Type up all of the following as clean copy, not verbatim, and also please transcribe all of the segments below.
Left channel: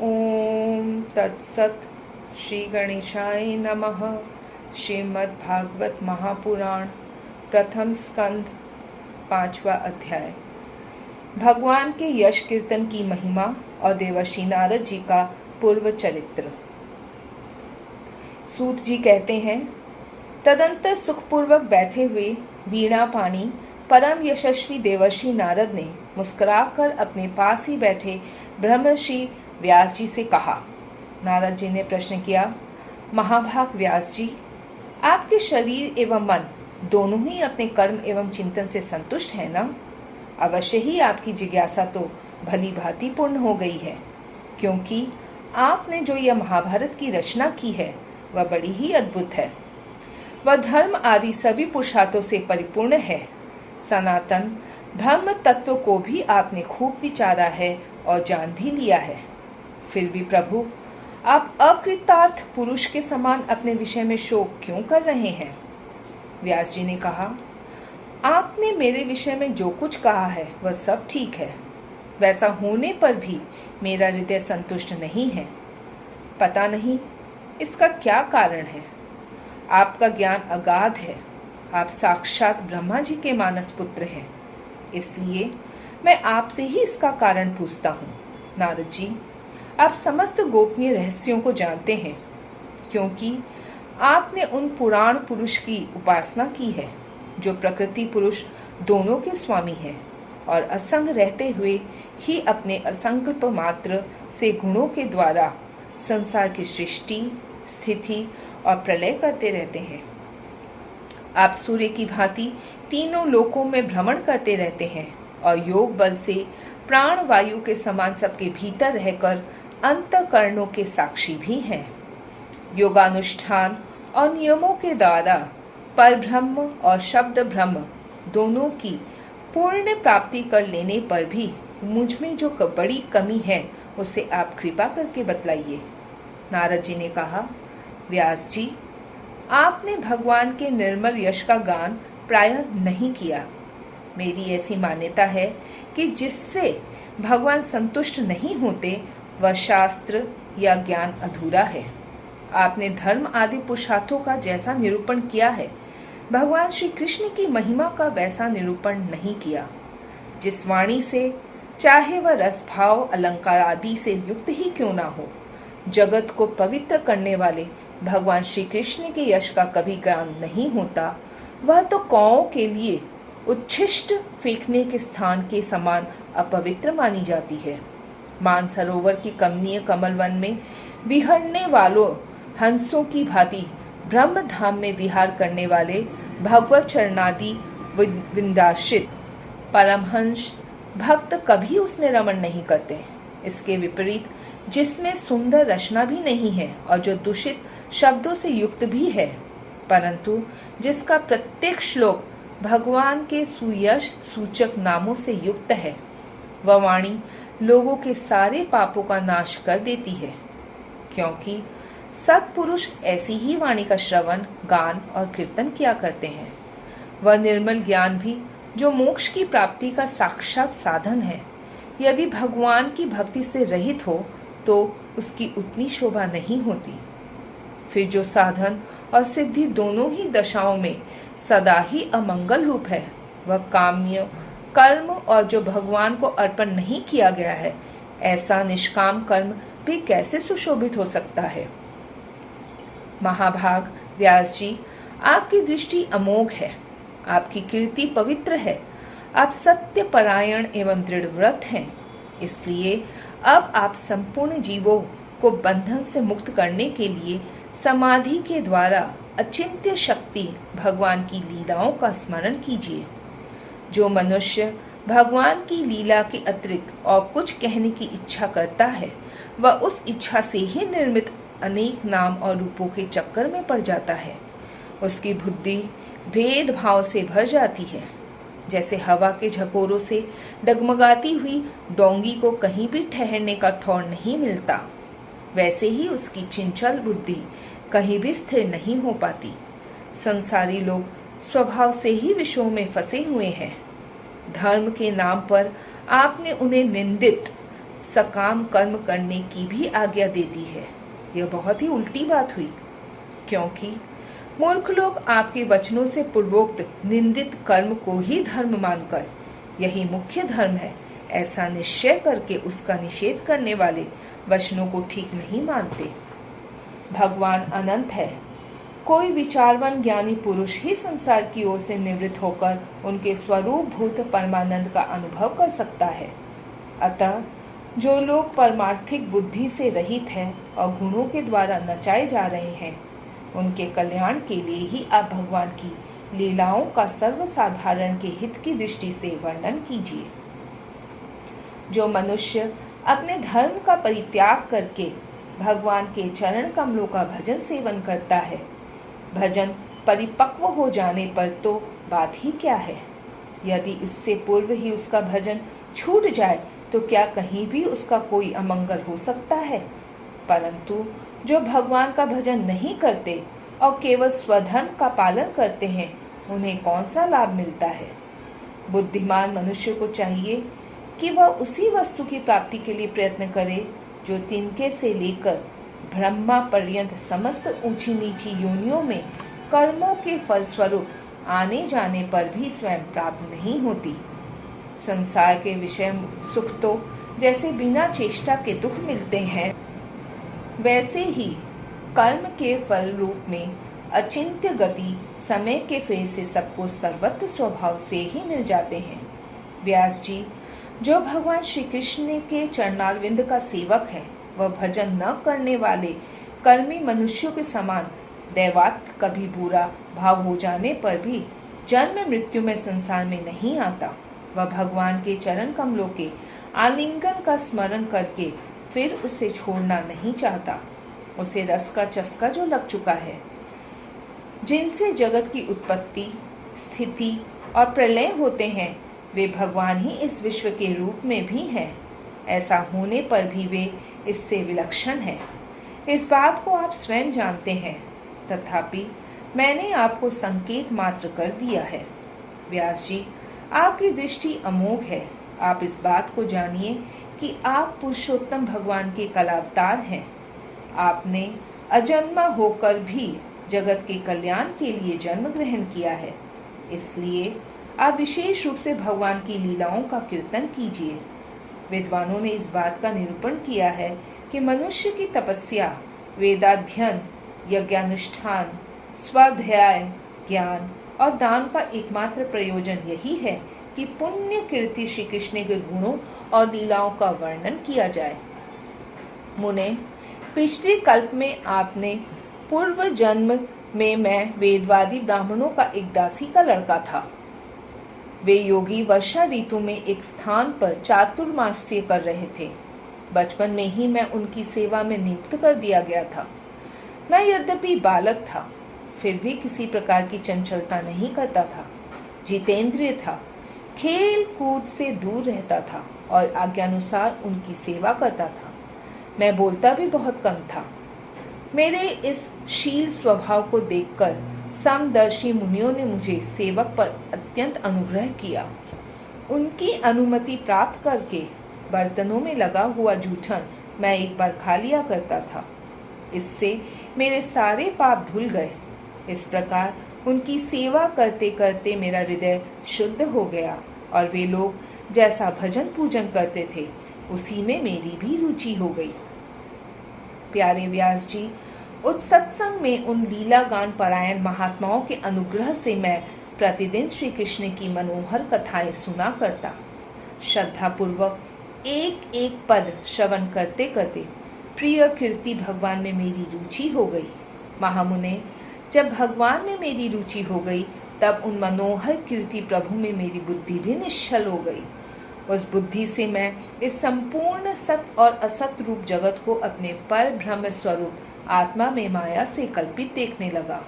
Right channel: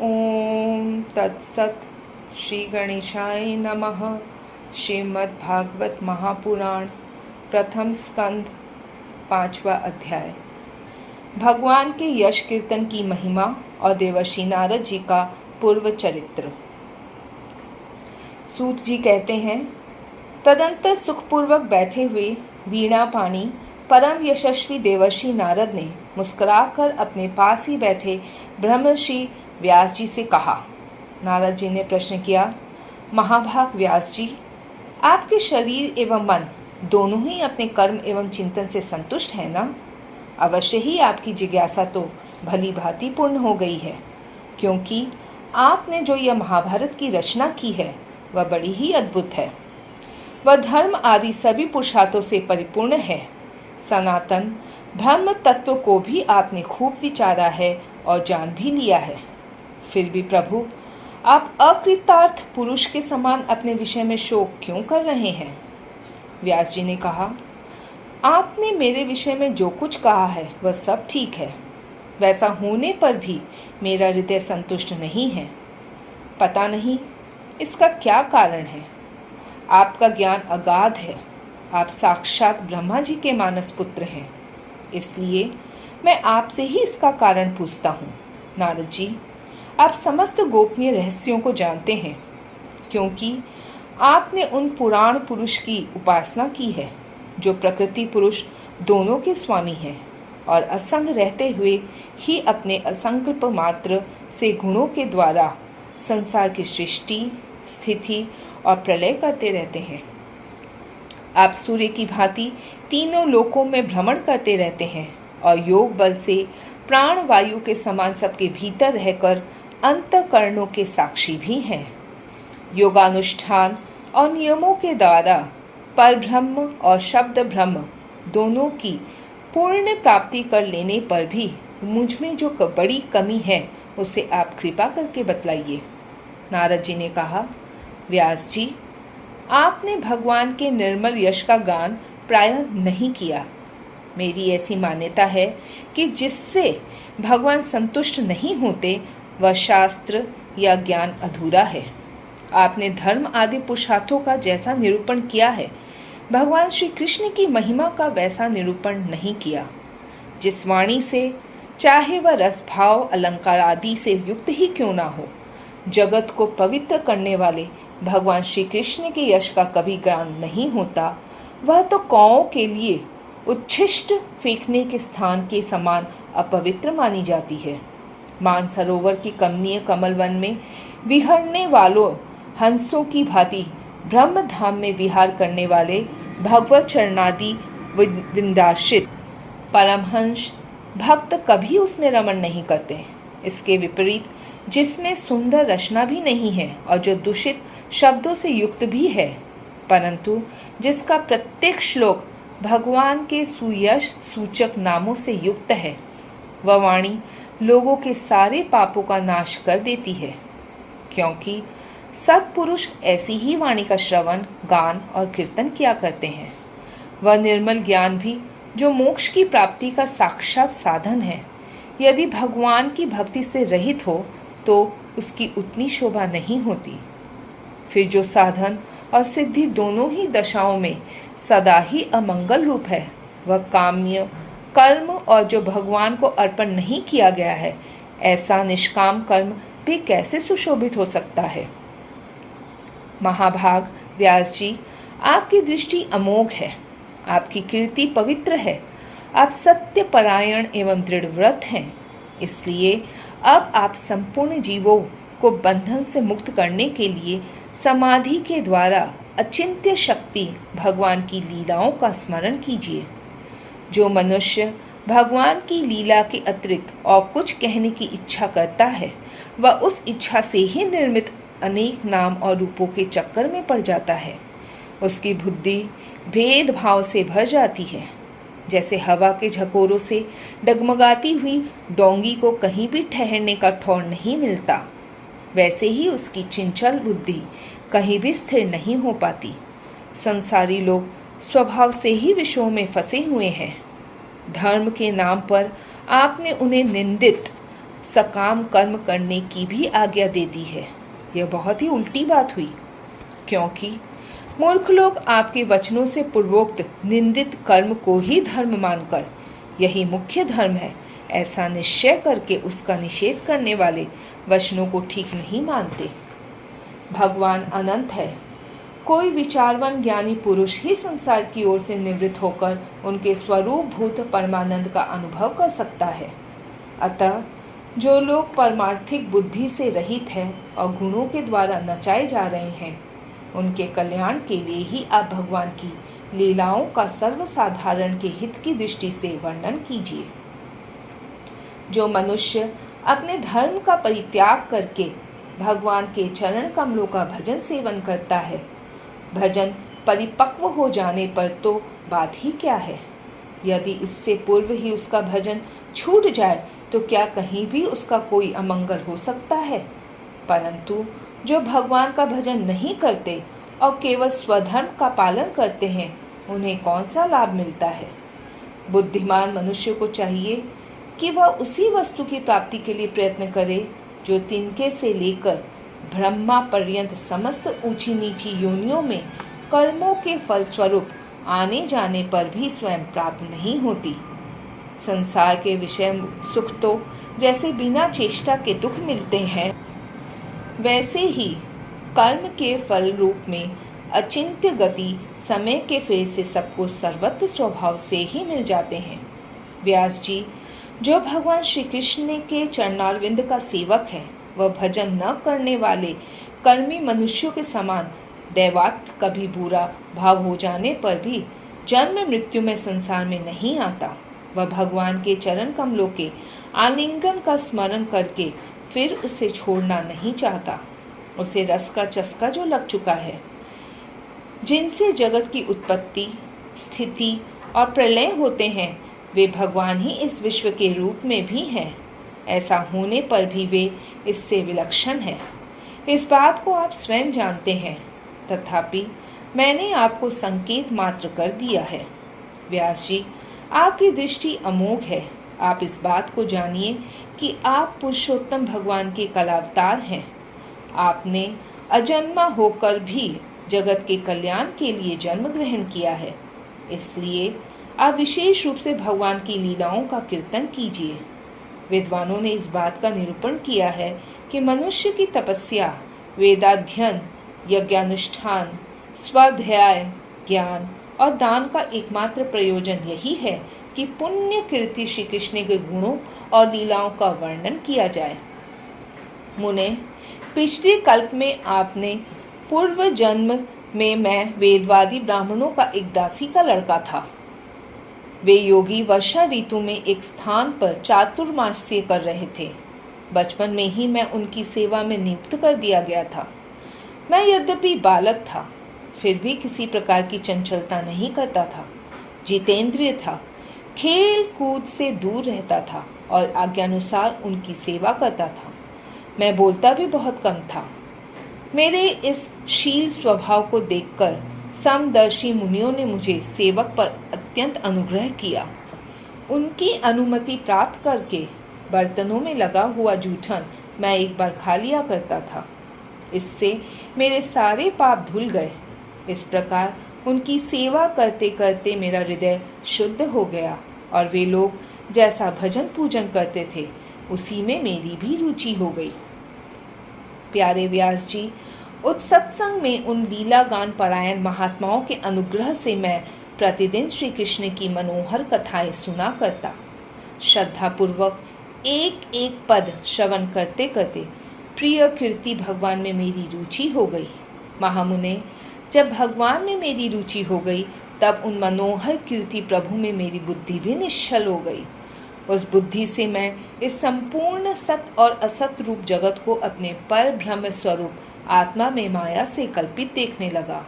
ओम तत्सत। श्री गणेशाय नमः। श्रीमद् भागवत महापुराण प्रथम स्कंद 5वां अध्याय। भगवान के यश कीर्तन की महिमा और देवर्षि नारद जी का पूर्व चरित्र। सूत जी कहते हैं, तदंतर सुखपूर्वक बैठे हुए वीणा पानी परम यशस्वी देवर्षि नारद ने मुस्कुराकर अपने पास ही बैठे ब्रह्मर्षि व्यास जी से कहा। नारद जी ने प्रश्न किया, महाभाग व्यास जी, आपके शरीर एवं मन दोनों ही अपने कर्म एवं चिंतन से संतुष्ट है ना? अवश्य ही आपकी जिज्ञासा तो भली भांति पूर्ण हो गई है, क्योंकि आपने जो यह महाभारत की रचना की है वह बड़ी ही अद्भुत है। वह धर्म आदि सभी पुरुषार्थों से परिपूर्ण है। सनातन ब्रह्म तत्व को भी आपने खूब विचारा है और जान भी लिया है। फिर भी प्रभु, आप अकृतार्थ पुरुष के समान अपने विषय में शोक क्यों कर रहे हैं? व्यास जी ने कहा, आपने मेरे विषय में जो कुछ कहा है वह सब ठीक है। वैसा होने पर भी मेरा हृदय संतुष्ट नहीं है। पता नहीं इसका क्या कारण है। आपका ज्ञान अगाध है। आप साक्षात ब्रह्मा जी के मानस पुत्र हैं। इसलिए मैं आपसे ही इसका कारण पूछता हूँ। नारद जी, आप समस्त गोपनीय रहस्यों को जानते हैं, क्योंकि आपने उन पुराण पुरुष की उपासना की है जो प्रकृति पुरुष दोनों के स्वामी हैं और असंग रहते हुए ही अपने असंकल्प मात्र से गुणों के द्वारा संसार की सृष्टि, स्थिति और प्रलय करते रहते हैं। आप सूर्य की भांति तीनों लोकों में भ्रमण करते रहते हैं और योग बल से प्राण वायु के समान सबके भीतर रहकर अंतःकरणों के साक्षी भी हैं। योगानुष्ठान और नियमों के द्वारा परब्रह्म और शब्द ब्रह्म दोनों की पूर्ण प्राप्ति कर लेने पर भी मुझ में जो बड़ी कमी है उसे आप कृपा करके बतलाइए। नारद जी ने कहा, व्यास जी, आपने भगवान के निर्मल यश का गान प्रायः नहीं किया। मेरी ऐसी मान्यता है कि जिससे भगवान संतुष्ट नहीं होते वह शास्त्र या ज्ञान अधूरा है। आपने धर्म आदि पुरुषार्थों का जैसा निरूपण किया है, भगवान श्री कृष्ण की महिमा का वैसा निरूपण नहीं किया। जिस वाणी से चाहे वह रस भाव अलंकार आदि से युक्त ही क्यों ना हो, जगत को पवित्र करने वाले भगवान श्री कृष्ण के यश का कभी गान नहीं होता। वह तो कौओं के लिए उच्छिष्ट फेंकने के स्थान के समान अपवित्र मानी जाती है। मानसरोवर की कमनीय कमल वन में विहरने वालों हंसों की भांति ब्रह्म धाम में विहार करने वाले भगवत चरणादि विंदाश्रित परमहंस भक्त कभी उसमें रमण नहीं करते। इसके विपरीत जिसमें सुंदर रचना भी नहीं है और जो दूषित शब्दों से युक्त भी है, परंतु जिसका प्रत्येक श्लोक भगवान के सुयश सूचक नामों से युक्त है, वह वाणी लोगों के सारे पापों का नाश कर देती है, क्योंकि सत्पुरुष ऐसी ही वाणी का श्रवण, गान और कीर्तन किया करते हैं। वह निर्मल ज्ञान भी जो मोक्ष की प्राप्ति का साक्षात साधन है, यदि भगवान की भक्ति से रहित हो तो उसकी उतनी शोभा नहीं होती। फिर जो साधन और सिद्धि दोनों ही दशाओं में सदा ही अमंगल रूप है, वह काम्य कर्म और जो भगवान को अर्पण नहीं किया गया है, ऐसा निष्काम कर्म भी कैसे सुशोभित हो सकता है? महाभाग व्यास जी, आपकी दृष्टि अमोघ है। आपकी कीर्ति पवित्र है। आप सत्य परायण एवं दृढ़ व्रत हैं। इसलिए अब आप संपूर्ण जीवों को बंधन से मुक्त करने के लिए समाधि के द्वारा अचिंत्य शक्ति भगवान की लीलाओं का स्मरण कीजिए। जो मनुष्य भगवान की लीला के अतिरिक्त और कुछ कहने की इच्छा करता है, वह उस इच्छा से ही निर्मित अनेक नाम और रूपों के चक्कर में पड़ जाता है। उसकी बुद्धि भेदभाव से भर जाती है। जैसे हवा के झकोरों से डगमगाती हुई डोंगी को कहीं भी ठहरने का ठौर नहीं मिलता, वैसे ही उसकी चंचल बुद्धि कहीं भी स्थिर नहीं हो पाती। संसारी लोग स्वभाव से ही विषयों में फंसे हुए हैं। धर्म के नाम पर आपने उन्हें निंदित सकाम कर्म करने की भी आज्ञा दे दी है। यह बहुत ही उल्टी बात हुई, क्योंकि मूर्ख लोग आपके वचनों से पूर्वोक्त निंदित कर्म को ही धर्म मानकर यही मुख्य धर्म है ऐसा निश्चय करके उसका निषेध करने वाले वचनों को ठीक नहीं मानते। भगवान अनंत है। कोई विचारवान ज्ञानी पुरुष ही संसार की ओर से निवृत्त होकर उनके स्वरूप भूत परमानंद का अनुभव कर सकता है। अतः जो लोग परमार्थिक बुद्धि से रहित हैं और गुणों के द्वारा नचाए जा रहे हैं, उनके कल्याण के लिए ही आप भगवान की लीलाओं का सर्वसाधारण के हित की दृष्टि से वर्णन कीजिए। जो मनुष्य अपने धर्म का परित्याग करके भगवान के चरण कमलों का भजन सेवन करता है, भजन परिपक्व हो जाने पर तो बात ही क्या है। यदि इससे पूर्व ही उसका भजन छूट जाए तो क्या कहीं भी उसका कोई अमंगल हो सकता है। परंतु जो भगवान का भजन नहीं करते और केवल स्वधर्म का पालन करते हैं, उन्हें कौन सा लाभ मिलता है। बुद्धिमान मनुष्य को चाहिए कि वह उसी वस्तु की प्राप्ति के लिए प्रयत्न करे जो तिनके से लेकर ब्रह्मा पर्यंत समस्त ऊंची नीची योनियों में कर्मों के फलस्वरूप आने जाने पर भी स्वयं प्राप्त नहीं होती। संसार के विषय सुख तो जैसे बिना चेष्टा के दुख मिलते हैं, वैसे ही कर्म के फल रूप में अचिंत्य गति समय के फेर से सबको सर्वत्र स्वभाव से ही मिल जाते हैं। व्यास जी, जो भगवान श्री कृष्ण के चरणारविंद का सेवक है, वह भजन न करने वाले कर्मी मनुष्यों के समान दैवात कभी बुरा भाव हो जाने पर भी जन्म मृत्यु में संसार में नहीं आता। वह भगवान के चरण कमलों के आलिंगन का स्मरण करके फिर उसे छोड़ना नहीं चाहता। उसे रस का चस्का जो लग चुका है, जिनसे जगत की उत्पत्ति, स्थिति और प्रलय होते हैं, वे भगवान ही इस विश्व के रूप में भी हैं। ऐसा होने पर भी वे इससे विलक्षण हैं। इस बात को आप स्वयं जानते हैं, तथापि मैंने आपको संकेत मात्र कर दिया है। व्यास जी, आपकी दृष्टि अमोघ है। आप इस बात को जानिए कि आप पुरुषोत्तम भगवान के कलावतार हैं। आपने अजन्मा होकर भी जगत के कल्याण के लिए जन्म ग्रहण किया है। इसलिए आप विशेष रूप से भगवान की लीलाओं का कीर्तन कीजिए। विद्वानों ने इस बात का निरूपण किया है कि मनुष्य की तपस्या, वेदाध्ययन, यज्ञानुष्ठान, स्वाध्याय, ज्ञान और दान का एकमात्र प्रयोजन यही है कि पुण्य कीर्ति श्री कृष्ण के गुणों और लीलाओं का वर्णन किया जाए। मुने, पिछले कल्प में आपने पूर्व जन्म में मैं वेदवादी ब्राह्मणों का एक दासी का लड़का था। वे योगी वर्षा ऋतु में एक स्थान पर चातुर्मास्य कर रहे थे। बचपन में ही मैं उनकी सेवा में नियुक्त कर दिया गया था। मैं यद्यपि बालक था, फिर भी किसी प्रकार की चंचलता नहीं करता था। जितेंद्रिय था, खेल कूद से दूर रहता था और आज्ञानुसार उनकी सेवा करता था। मैं बोलता भी बहुत कम था। मेरे इस शील स्वभाव को देखकर समदर्शी मुनियों ने मुझे सेवक पर अत्यंत अनुग्रह किया। उनकी अनुमति प्राप्त करके बर्तनों में लगा हुआ जूठन मैं एक बार खा लिया करता था। इससे मेरे सारे पाप धुल गए। इस प्रकार उनकी सेवा करते करते मेरा हृदय शुद्ध हो गया और वे लोग जैसा भजन पूजन करते थे, उसी में मेरी भी रुचि हो गई। प्यारे व्यास जी, उस सत्संग में उन लीला गान परायण महात्माओं के अनुग्रह से मैं प्रतिदिन श्री कृष्ण की मनोहर कथाएं सुना करता। श्रद्धा पूर्वक एक एक पद श्रवण करते करते प्रिय कीर्ति भगवान में मेरी रुचि हो गई। महामुने, जब भगवान में मेरी रुचि हो गई, तब उन मनोहर कीर्ति प्रभु में मेरी बुद्धि भी निश्चल हो गई। उस बुद्धि से मैं इस संपूर्ण सत और असत रूप जगत को अपने पर ब्रह्म स्वरूप आत्मा में माया से कल्पित देखने लगा।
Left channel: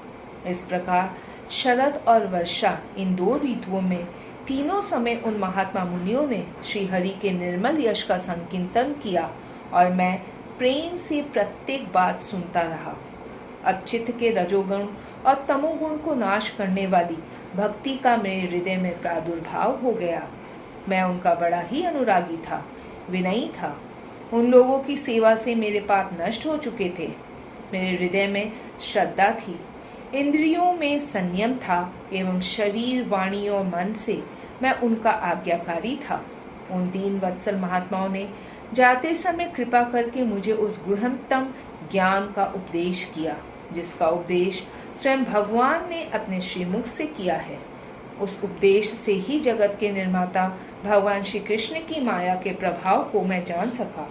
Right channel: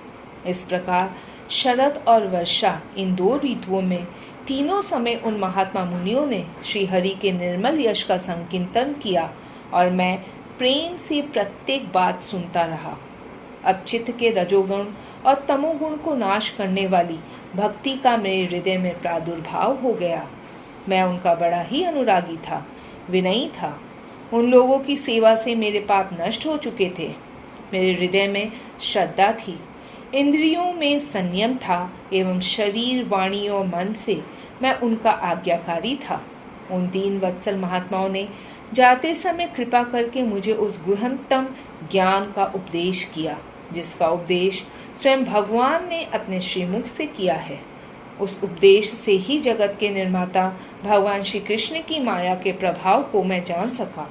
इस प्रकार शरद और वर्षा, इन दो ऋतुओं में तीनों समय उन महात्मा मुनियों ने श्री हरि के निर्मल यश का संकीर्तन किया और मैं प्रेम से प्रत्येक बात सुनता रहा। अब चित्त के रजोगुण और तमोगुण को नाश करने वाली भक्ति का मेरे हृदय में प्रादुर्भाव हो गया। मैं उनका बड़ा ही अनुरागी था, विनयी था उन लोगों की सेवा से मेरे पाप नष्ट हो चुके थे। मेरे हृदय में श्रद्धा थी, इंद्रियों में संयम था एवं शरीर, वाणी और मन से मैं उनका आज्ञाकारी था। उन दीन वत्सल महात्माओं ने जाते समय कृपा करके मुझे उस गृहतम ज्ञान का उपदेश किया, जिसका उपदेश स्वयं भगवान ने अपने श्रीमुख से किया है। उस उपदेश से ही जगत के निर्माता भगवान श्री कृष्ण की माया के प्रभाव को मैं जान सका,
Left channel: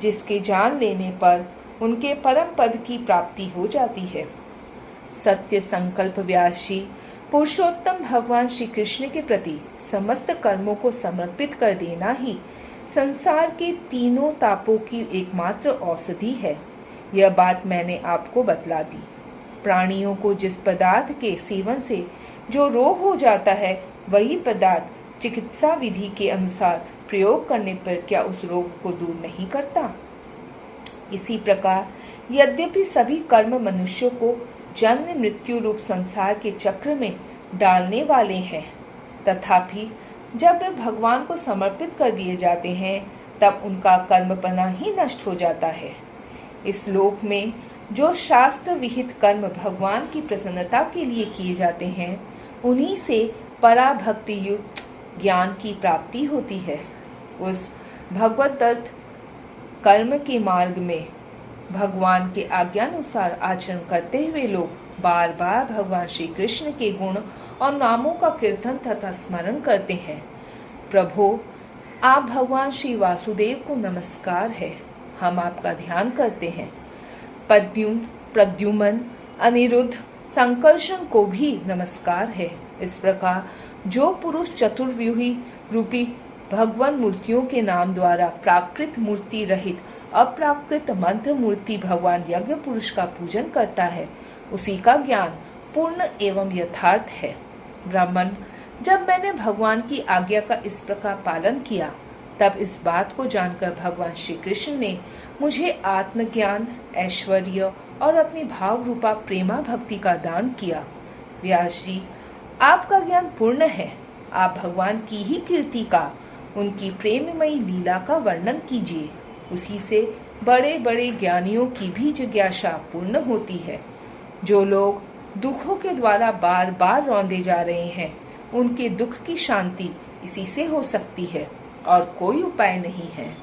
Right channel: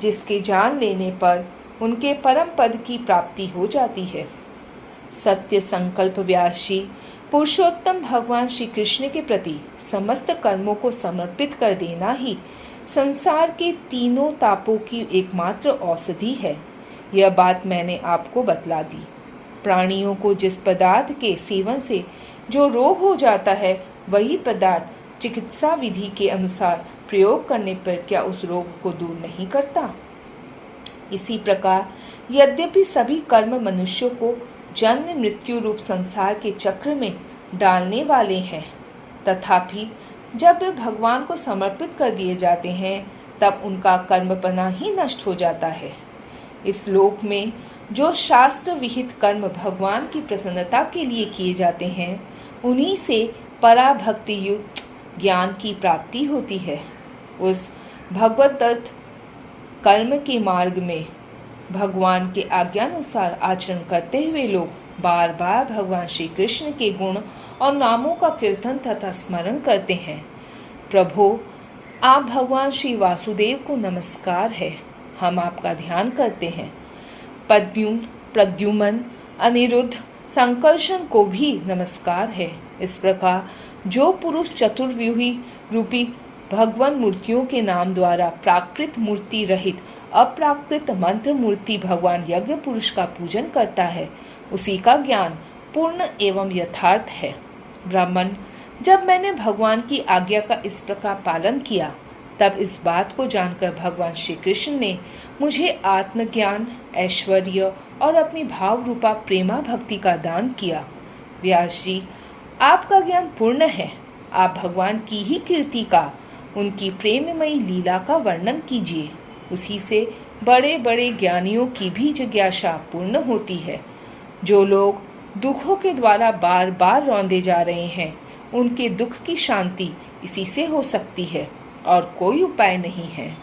जिसके जान लेने पर उनके परम पद की प्राप्ति हो जाती है। सत्य संकल्प व्यास जी पुरुषोत्तम भगवान श्री कृष्ण के प्रति समस्त कर्मों को समर्पित कर देना ही संसार के तीनों तापों की एकमात्र औषधि है। यह बात मैंने आपको बतला दी। प्राणियों को जिस पदार्थ के सेवन से जो रोग हो जाता है, वही पदार्थ चिकित्सा विधि के अनुसार प्रयोग करने पर क्या उस रोग को दूर नहीं करता? इसी प्रकार यद्यपि सभी कर्म मनुष्यों को जन्म मृत्यु रूप संसार के चक्र में डालने वाले हैं, तथापि जब वे भगवान को समर्पित कर दिए जाते हैं, तब उनका कर्मपना ही नष्ट हो जाता है। इस लोक में जो शास्त्र विहित कर्म भगवान की प्रसन्नता के लिए किए जाते हैं, उन्हीं से पराभक्ति युक्त ज्ञान की प्राप्ति होती है। उस भगवदत्त कर्म के मार्ग में भगवान के आज्ञानुसार आचरण करते हुए लोग बार बार भगवान श्री कृष्ण के गुण और नामों का कीर्तन तथा स्मरण करते हैं। प्रभु, आप भगवान श्री वासुदेव को नमस्कार है, हम आपका ध्यान करते हैं। पद्युम्न, प्रद्युम्न, अनिरुद्ध, संकर्षण को भी नमस्कार है। इस प्रकार जो पुरुष चतुर्व्यूही रूपी भगवान मूर्तियों के नाम द्वारा प्राकृत मूर्ति रहित अप्राकृत मंत्र मूर्ति भगवान यज्ञ पुरुष का पूजन करता है, उसी का ज्ञान पूर्ण एवं यथार्थ है। ब्राह्मण, जब मैंने भगवान की आज्ञा का इस प्रकार पालन किया, तब इस बात को जानकर भगवान श्री कृष्ण ने मुझे आत्मज्ञान, ऐश्वर्य और अपनी भाव रूपा प्रेमा भक्ति का दान किया। व्यास जी, आपका ज्ञान पूर्ण है। आप भगवान की ही कीर्ति का, उनकी प्रेममयी लीला का वर्णन कीजिए। उसी से बड़े बड़े ज्ञानियों की भी जिज्ञासा पूर्ण होती है। जो लोग दुखों के द्वारा बार बार रौंदे जा रहे हैं, उनके दुख की शांति इसी से हो सकती है और कोई उपाय नहीं है।